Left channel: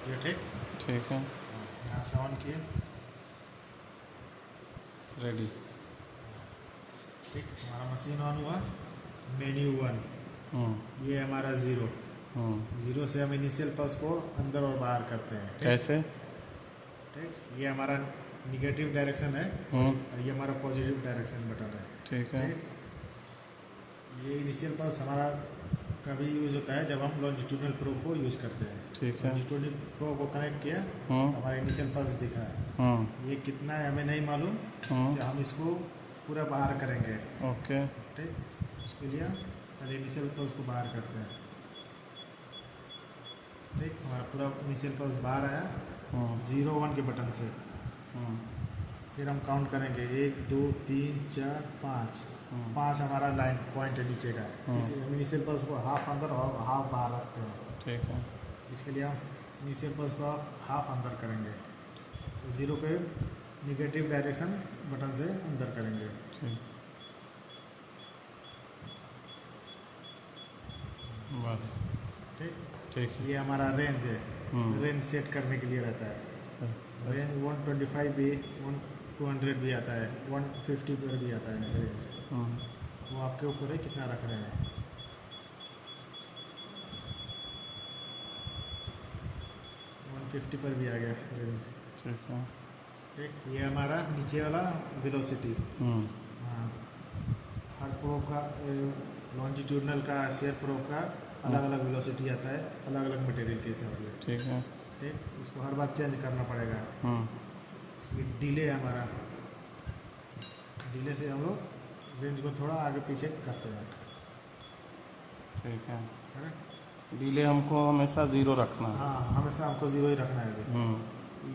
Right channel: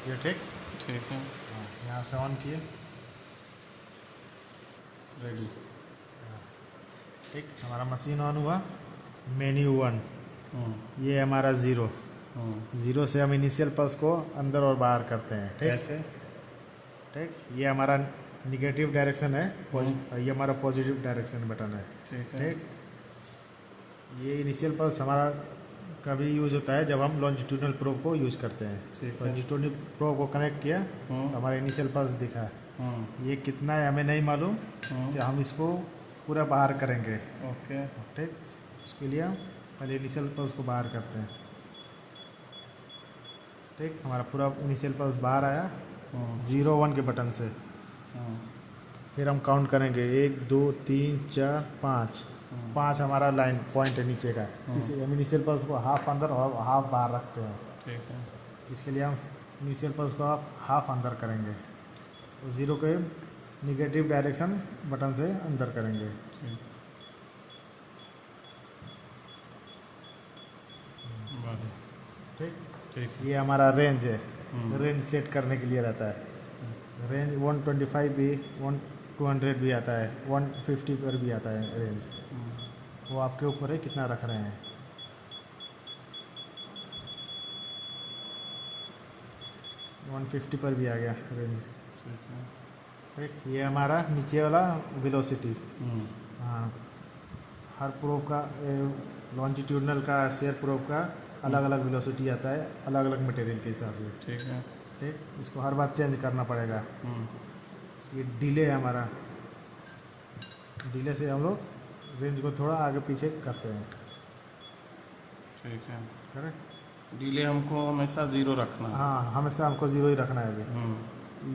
ये ठीक। ठीक है, यहाँ से ऑन किए, रेडी। ठीक, हमारा मशीन ऑन हुआ। मेन्यू 1, ये हमारा 0। ज़ीरो से हम इनिशियल पल्स को अंदर और बाहर करते हैं। ठीक, कैसे? ठीक, ये हमारा निगेटिव डायरेक्शन है और ये हमारा पॉजिटिव डायरेक्शन बटन है। ठीक है। ठीक, ये इनिशियल पल्स हमारा कभी यूज होता है जब हम लॉन्जिट्यूडनल प्रोब को यूज करते हैं। ठीक है। लॉन्जिट्यूडनल प्रोब को कनेक्ट किया तो हमारा इनिशियल पल्स दिखा है। ये कितना है हमें नहीं मालूम, कि हम इसको पूरा बाहर करेंगे। ओके। ठीक, उसके लिए हम पहले इनिशियल पल्स को बाहर करते हैं। ठीक, हमारा पूरा इनिशियल पल्स बाहर आया 0 1 के बटन से। फिर हम काउंट करेंगे 1 2 3 4 5। 5 हमारा लाइन पॉइंट है नीचे का। हम इनिशियल पल्स को हाफ अंदर और हाफ बाहर रखते हैं। ठीक है। इसके लिए हम इनिशियल पल्स को हाफ अंदर करेंगे, 0 के निगेटिव डायरेक्शन बटन से अंदर करेंगे। बस। ठीक, ठीक है। ये हमारा रेंज है। रेंज सेट करने के लिए रहता है। रेंज 125 भी, 200 भी आता है, 150 पर भी आता है रेंज। वो आपके ऊपर है कितना रख रहे हैं। 150 पर भी आ गया रेंज। ठीक है। ठीक, ये हमारा नीचे वाला वेलोसिटी। हाँ, हर प्रोब का लॉन्जिट्यूडनल का शेयर प्रोब का अलग अलग वेलोसिटी आता है, अलग अलग मटेरियल के हिसाब से। ठीक है। ठीक, इसको हर बार चेंज करना पड़ेगा। ये डिले है हमारा, डिले से हम लोग रेंज को थोड़ा आगे पीछे करते हैं। ठीक है। करेक्ट। डिले हमको हमेशा 0 रखना है। हाँ, हमेशा हमको 0 ही रखना है अभी।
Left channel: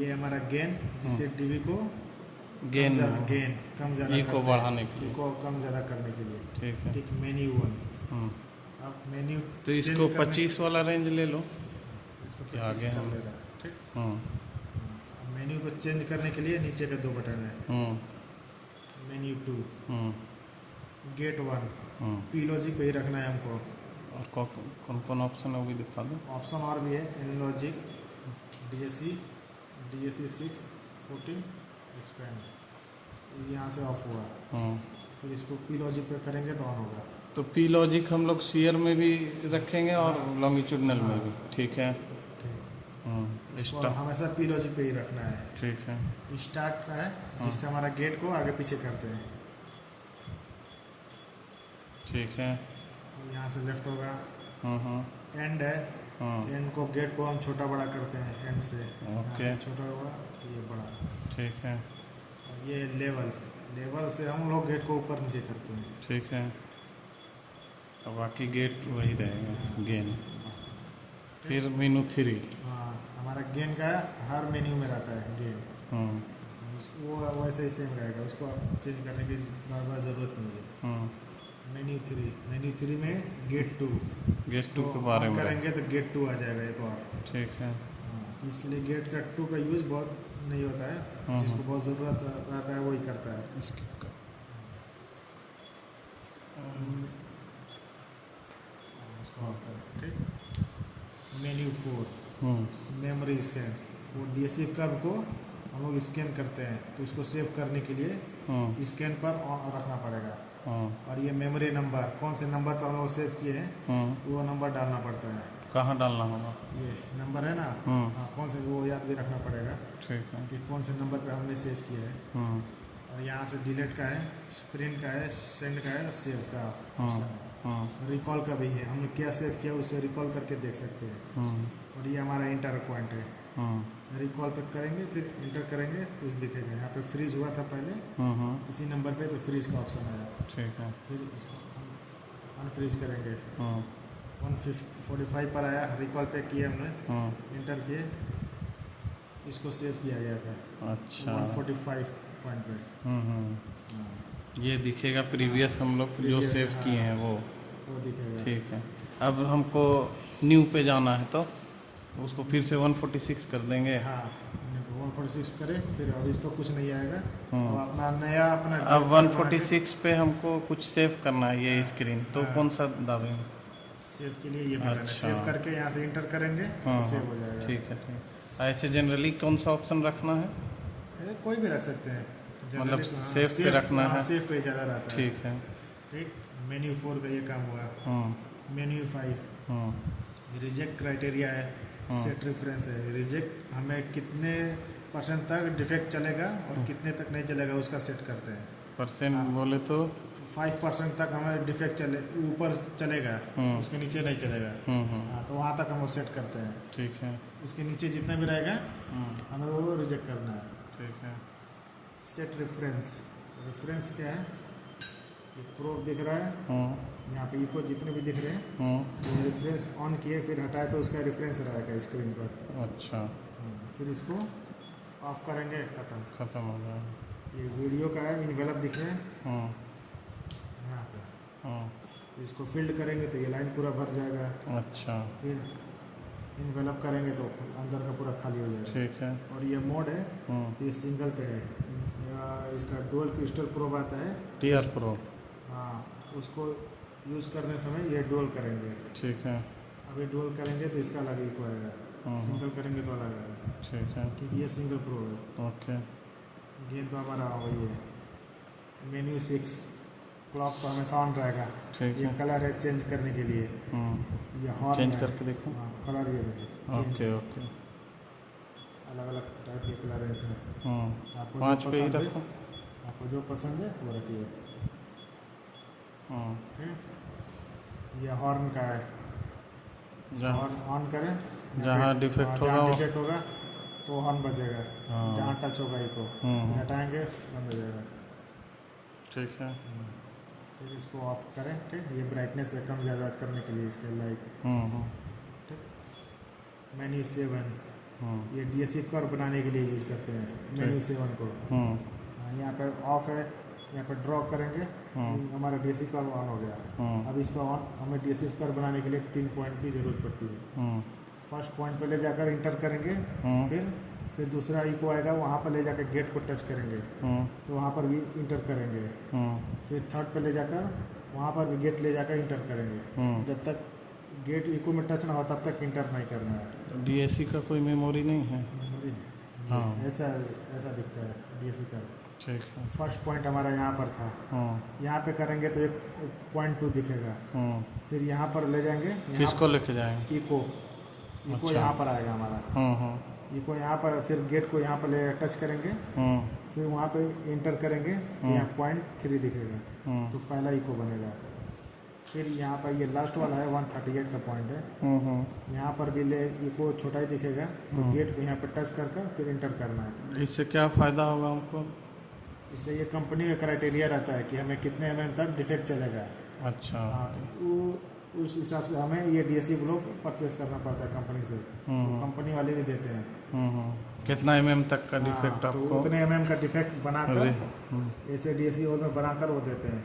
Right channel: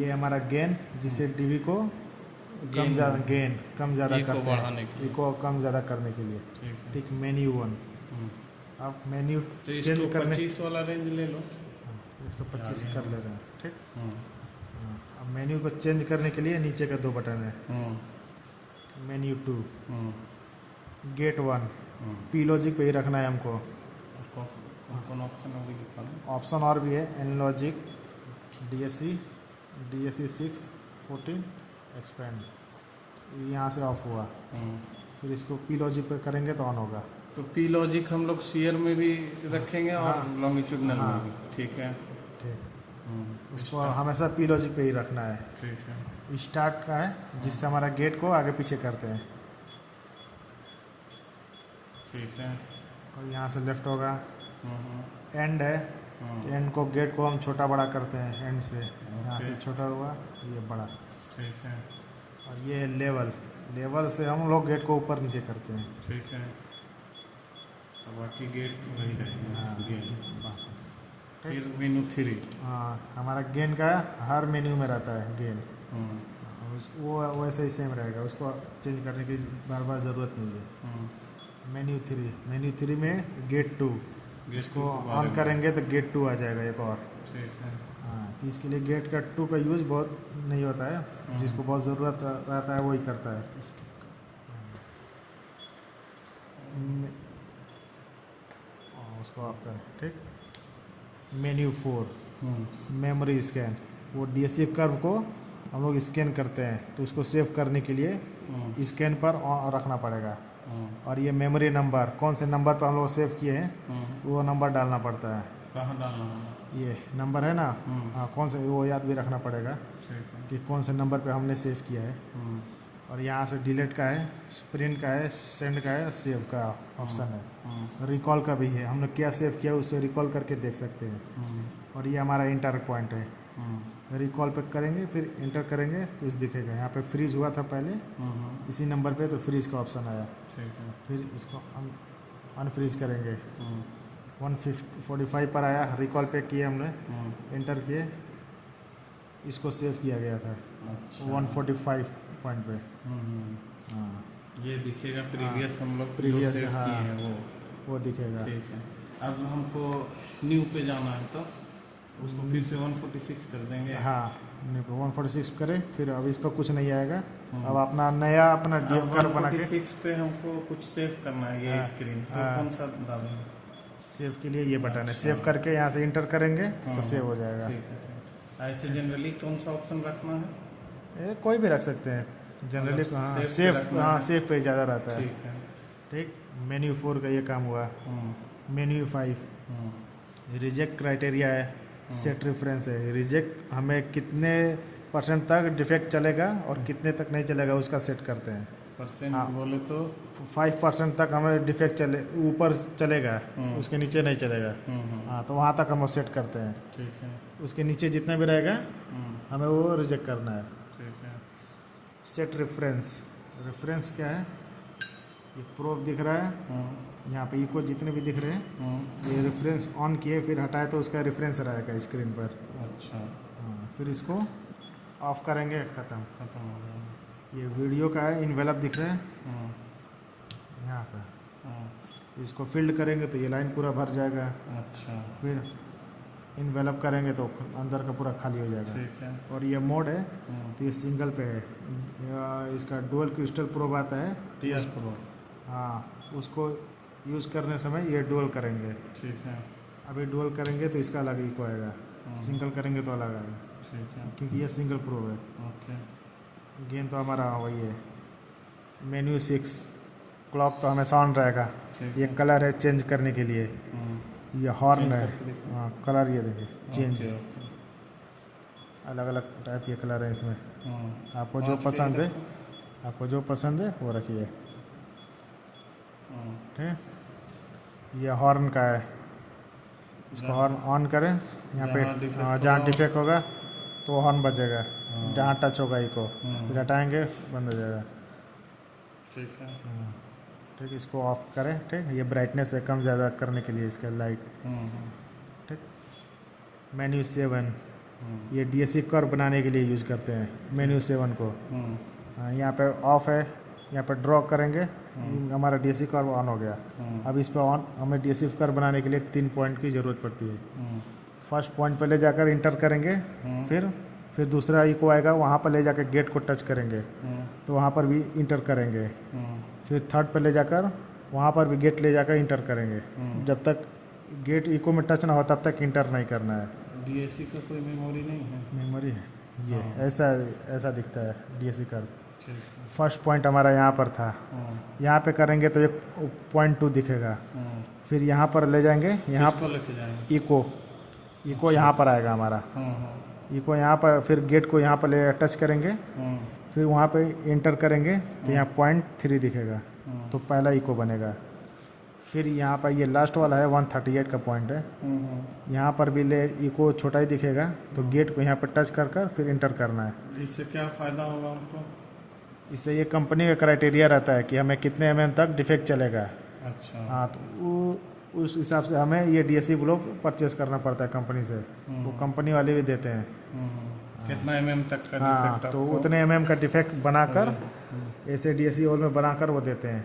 ये हमारा गेन, जिससे डीबी को गेन कम ज़्यादा ई को बढ़ाने के लिए, को कम ज़्यादा करने के लिए। ठीक है। ठीक, मेन्यू 1। आप मेन्यू तो इसको 25 वाला रेंज ले लो। 125 कर लेगा। ठीक, अब मेन्यू को चेंज करने के लिए नीचे के 2 बटन है। मेन्यू 2, गेट 1, पी लॉजिक पे ही रखना है हमको। और कौन कौन ऑप्शन है वो भी दिखा दो। ऑप्शन और भी है, एन लॉजिक, DSC 6 14 एक्सपेंड। यहाँ से ऑफ हुआ। फिर इसको पी लॉजिक पे करेंगे तो ऑन होगा। तो पी लॉजिक हम लोग शेयर में भी रखेंगे और लॉन्गिट्यूडनल में भी। ठीक है। ठीक, इसको हमेशा पी लॉजिक पे ही रखना है। ठीक है। स्टार्ट का है, जिससे हमारा गेट को आगे पीछे करते हैं। ठीक है। और यहाँ से लेफ्ट होगा। एंड है, एंड को गेट को हम छोटा बड़ा करते हैं एंड से। यहाँ से छोटा हुआ, ये बड़ा। ठीक है। और ये लेवल से हम लोग गेट को ऊपर नीचे करते हैं। ठीक है। तो बाकी गेट वही रहेगा, गेन। फिर मेनू 3। हाँ, हमारा गेन का हर मेन्यू में रहता है गेन। वो वैसे ही सेम रहेगा, उसको चेंज करने की बार बार ज़रूरत नहीं है। मेन्यू 3 में गेट 2, गेट 2 को के बारे ऑन में करेंगे तो गेट 2 आ जाएगा एक और। ठीक है। हाँ, तो इसके लिए गेट का 2 का यूज़ बहुत नहीं होता है। जिसको बहुत ज़रूरत रहता है वही करता है। उसको ऑफ करें। ठीक, मेन्यू 4, मेमोरी स्कैन। वो DSC कर्व को हम लोग स्कैन करते हैं, तो उसको सेव करने के लिए स्कैन पर रखना पड़ेगा। और ये मेमोरी नंबर, कौन से नंबर पर हम लोग सेव किए हैं वो नंबर डालना पड़ता है। कहाँ डालना होगा? ये नंबर है ना, कौन सा, वो याद भी रखना पड़ेगा। ठीक है। कि कौन से नंबर पे हमने सेव किया है। और यहाँ से डिलीट का है, प्रिंट का है, सेंड का है, सेव का ऑप्शन है। रिकॉल का भी है, हमने क्या सेव किया उसे रिकॉल करके देख सकते हैं। और ये हमारा इंटर पॉइंट है। रिकॉल पे करेंगे, फिर इंटर करेंगे तो कुछ दिखेगा। यहाँ पे फ्रीज हुआ था पहले, इसी नंबर पे, तो फ्रीज का ऑप्शन आया। ठीक है। फिर इसको हम अनफ्रीज करेंगे। 145 पर आया, रिकॉल पे किए हमने, इंटर किए, इसको सेव किया गया था। अच्छा। 145 पॉइंट पे। ये दिखेगा प्रीवियस हम लोग जो सेव किए हैं वो दिखेगा। ठीक है। अब हमको न्यू पे जाना है तो उसको फिर से 146 कर देंगे। हाँ, 146 करें, फिर अब इस पर कुछ नहीं आएगा। अब अपना नया अब 146 पे हमको कुछ सेव करना है, ये स्क्रीन तो कौन सा दाबेंगे? सेव के लिए ये बटन है, अच्छा। सेव करके यहाँ से इंटर करेंगे तो सेव हो जाएगा। ठीक है, ठीक है। ऐसे जनरली कौन सा ऑप्शन रखना है? कोई भी रख सकते हैं जनरली। मतलब हाँ, सेव पे सेव, रखना हाँ है। सेव पे ज़्यादा रहता है। ठीक है। ठीक। मेन्यू 4 का ये काम हुआ। मेन्यू 5 रिजेक्ट क्राइटेरिया है, सेट रेफरेंस है। रिजेक्ट हमें कितने % तक डिफेक्ट चलेगा और कितने तक नहीं चलेगा उसका सेट करते हैं। परसेंट हाँ। बोले तो 5% तक हमें डिफेक्ट चले, ऊपर चलेगा, उसके नीचे नहीं चलेगा। हाँ, तो वहाँ तक हम सेट करते हैं। ठीक है। उसके नीचे जितना भी रहेगा हमें वो रिजेक्ट करना है। ठीक है। सेट रेफरेंस, रेफरेंस क्या है? ये प्रोब दिख रहा है, यहाँ पे इको जितने भी दिख रहे हैं, ये रेफरेंस ऑन किए फिर हटाए तो उसका रेफरेंस रहेगा स्क्रीन पर। अच्छा। फिर इसको ऑफ करेंगे, खत्म हो गया। ये वीडियो का है, इन्वेलप दिख रहे हैं यहाँ पे। इसको फिल्ड करेंगे तो ये लाइन पूरा भर जाएगा। अच्छा। फिर इन्वेलप करेंगे तो अंदर का पूरा खाली हो जाएगा। ठीक है। और ये मोड है तो ये सिंगल पे है। इसका डुअल क्रिस्टल प्रोब आता है, टीआर प्रो। हाँ, उसको यूज़ करने समय ये डुअल करेंगे। ठीक है। अभी डुअल करेंगे तो इसका अलग इको आएगा, सिंगल करेंगे तो अलग आएगा, ठीक है। क्योंकि ये सिंगल प्रोब है। ओके। गेन तो हमारा वही है। मेन्यू 6 क्लॉक तो हमेशा ऑन रहेगा। ठीक ये है। कलर है चेंज करने के लिए। ये हॉर्न चेंज है। करके देखो। हाँ, कलर ये देखिए चेंज, ओके ओके। अलग अलग टाइप के कलर हैं इसमें। आपको जो 5 पे ही पसंद है, रखो। आपको जो पसंद है वो रखिए। ठीक। ये हॉर्न का है, इसको हॉर्न ऑन करें, यहाँ जहाँ पे डिफेक्ट जहाँ होगा डिफेक्ट होगा तो हॉर्न बजेगा, जहाँ टच होगा इको फिर हटाएंगे बंद हो जाएगा। ठीक है। ठीक, इसको ऑफ करें। ठीक, ये ब्राइटनेस है कम ज़्यादा करने के लिए इसका लाइट। ठीक। मेन्यू 7 ये डीएससी कर्व बनाने के लिए यूज़ करते हैं मेन्यू 7 को। यहाँ पे ऑफ है, यहाँ पर ड्रॉ करेंगे, हमारा डीएससी कर्व ऑन हो गया। अब इस पर ऑन, हमें डीएससी कर्व बनाने के लिए 3 पॉइंट की ज़रूरत पड़ती है। फर्स्ट पॉइंट पर ले जाकर इंटर करेंगे, फिर दूसरा इको आएगा, वहाँ पर ले जाकर गेट को टच करेंगे तो वहाँ पर भी इंटर करेंगे। फिर थर्ड पर ले जाकर वहाँ पर भी गेट ले जाकर इंटर करेंगे। जब तक गेट इको में टच ना हो तब तक इंटर नहीं करना है। डीएससी का कोई मेमोरी नहीं है? मेमोरी है ये, ऐसा दिखता है डीएससी कर्व। ठीक है। फर्स्ट पॉइंट हमारा यहाँ पर था, यहाँ पे करेंगे तो एक पॉइंट 2 दिखेगा। फिर यहाँ पर ले जाएंगे, यहाँ किसको लेके जाएंगे? इको अच्छा। यहाँ पर आएगा हमारा। इको यहाँ पर, फिर गेट को यहाँ पर ले टच करेंगे, फिर वहाँ पे इंटर करेंगे तो यहाँ पॉइंट 3 दिखेगा, तो पहला इको बनेगा। फिर यहाँ पर ये लास्ट वाला है 138 का पॉइंट है, यहाँ पर भी ले इको छोटा ही दिखेगा, तो गेट को यहाँ पर टच कर कर फिर इंटर करना है। इससे क्या फ़ायदा होगा हमको? इससे ये कंपनी का क्राइटेरिया रहता है कि हमें कितने mm तक डिफेक्ट चलेगा। अच्छा। हाँ, तो उस हिसाब से हमें ये डीएससी ब्लॉक परचेस करना पड़ता है कंपनी से, तो कंपनी वाले भी देते हैं। कितना mm तक का डिफेक्ट तो आपको? उतने mm का डिफेक्ट बनाकर ऐसे डीएससी होल में बनाकर वो देते हैं।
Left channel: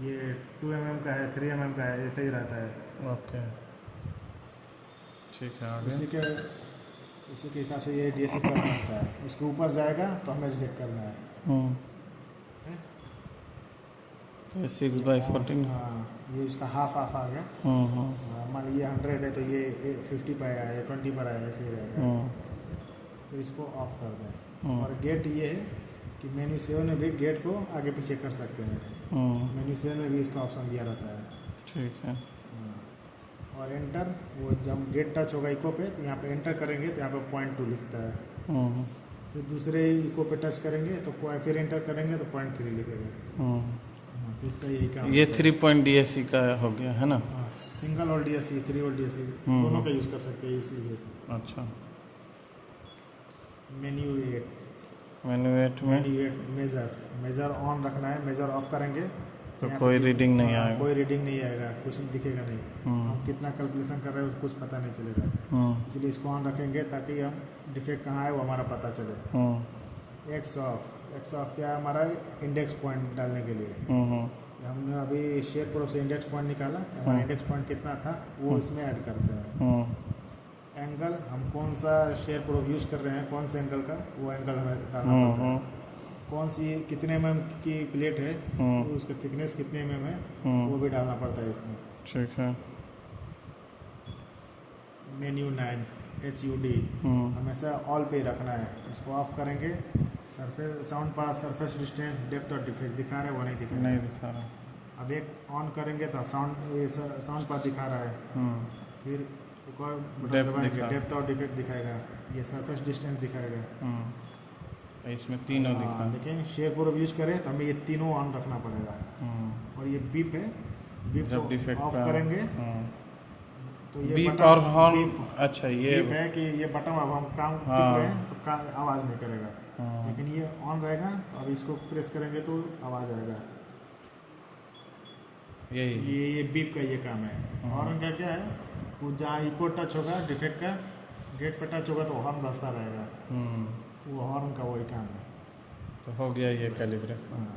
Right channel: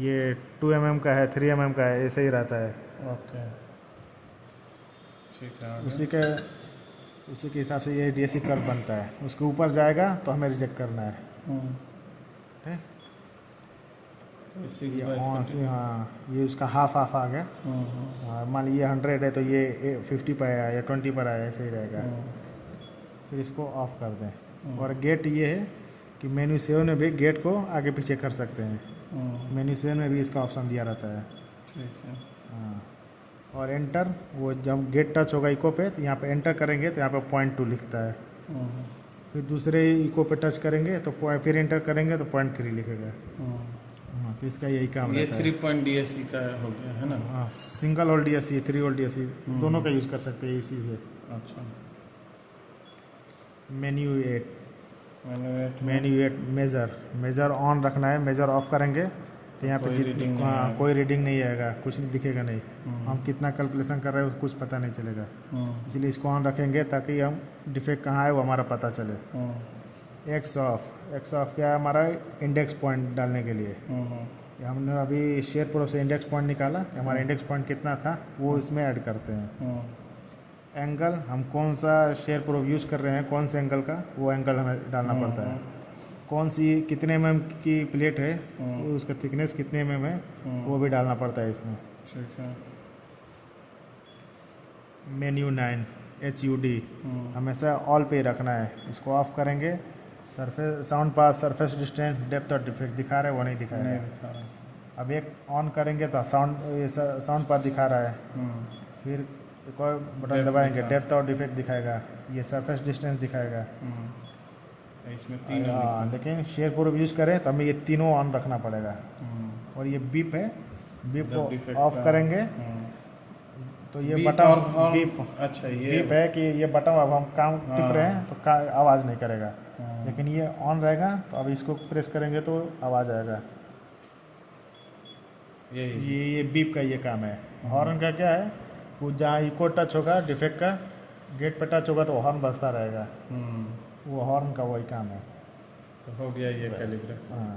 ये 2 mm का है, 3 mm का है, ऐसे ही रहता है। ओके, ठीक है। आगे? उसी के हिसाब से ये डीएससी कर्व बनता है। उसके ऊपर जाएगा तो हमें रिजेक्ट करना है। ठीक? 6/14। हाँ, ये उसका हाफ आ गया। मान लीजिए 100 है तो ये 50 पर आया या 20 पर आया, ऐसे ही रहेगा। फिर इसको ऑफ कर दें। और गेट ये है कि मेन्यू 7 में भी गेट को आगे पीछे कर सकते हैं। मेन्यू 7 में भी इसका ऑप्शन दिया रहता है। ठीक है। हाँ, और एंटर, वो जब गेट टच होगा इको पे तो यहाँ पे एंटर करेंगे तो यहाँ पे पॉइंट 2 लिखता है। फिर दूसरे इको पे टच करेंगे तो फिर एंटर करेंगे तो पॉइंट 3 लिखेगा। तो इसका यही काम ये रहता है। 3 पॉइंट डीएससी का हो गया है ना? हाँ, सिंगल और डीएससी, 3 और डीएससी दोनों का यूज़ कर सकते हैं इसी से। अच्छा। मेन्यू 8 मेजर ऑन रखना है। मेजर ऑफ करेंगे तो यहाँ कोई रीडिंग नहीं आएगा। कोई रीडिंग नहीं आएगा, कुछ दिखेगा नहीं। हम कितना कैलकुलेशन कर रहे हैं कुछ पता नहीं चलेगा, इसलिए इसको ऑन रखेंगे ताकि हम डिफेक्ट कहाँ है वो हमारा पता चले। एक्स ऑफ क्या है? हमारा इंडेक्स पॉइंट डालने के लिए। हमने अभी शेयर प्रोब से इंडेक्स पॉइंट निकाला, हमारा इंडेक्स पॉइंट कितना था वो इसमें ऐड करते हैं। एंगल, हम कौन सा शेयर प्रोब यूज़ कर रहे हैं, कौन से एंगल का, वो एंगल हमें डालना पड़ता है। कौन सी कितने mm की प्लेट है, उसका थिकनेस कितने mm है, वो भी डालना पड़ता है इसमें। ठीक है। मेन्यू 9 HUD हमेशा ऑल पे ही रखना है। इसको ऑफ करेंगे, सरफेस साउंड पास, सरफेस डिस्टेंस, डेप्थ और डिफेक्ट दिखा रहा है वो नहीं दिखा रहा नहीं है। दिखा रहा। अब एक ऑन करेंगे तो साउंड पास दिखा रहा है। फिर एक और बटन Depth दबाएंगे, दिखा। डेप्थ और डिफेक्ट दिखाएगा, ये सरफेस डिस्टेंस दिखाएगा। इसमें तीनों हाँ, दिखा। लेकिन शेयर प्रूफ यूज़ करें तो हमें ये तीनों ऑन रखना पड़ेगा। और ये बीप है, बीप जब को डिफेक्ट ऑफ करेंगे तो ये बीप बटन और हॉर्न। बीप अच्छा ये बीप है कि ये बटन अब हम काम टिप रहे हैं तो आवाज़ नहीं करेगा, हाँ। लेकिन ये ऑन रहेगा तो अब इसको प्रेस करेंगे तो आवाज़ आएगा। यही ये बीप का ये काम है। हॉर्न का क्या है, वो जहाँ इको टच होगा डिफेक्ट का, गेट पे टच होगा तो हॉर्न बजता रहेगा, वो हॉर्न का वही काम है। तो हो गया ये कैलिब्रेशन। हाँ।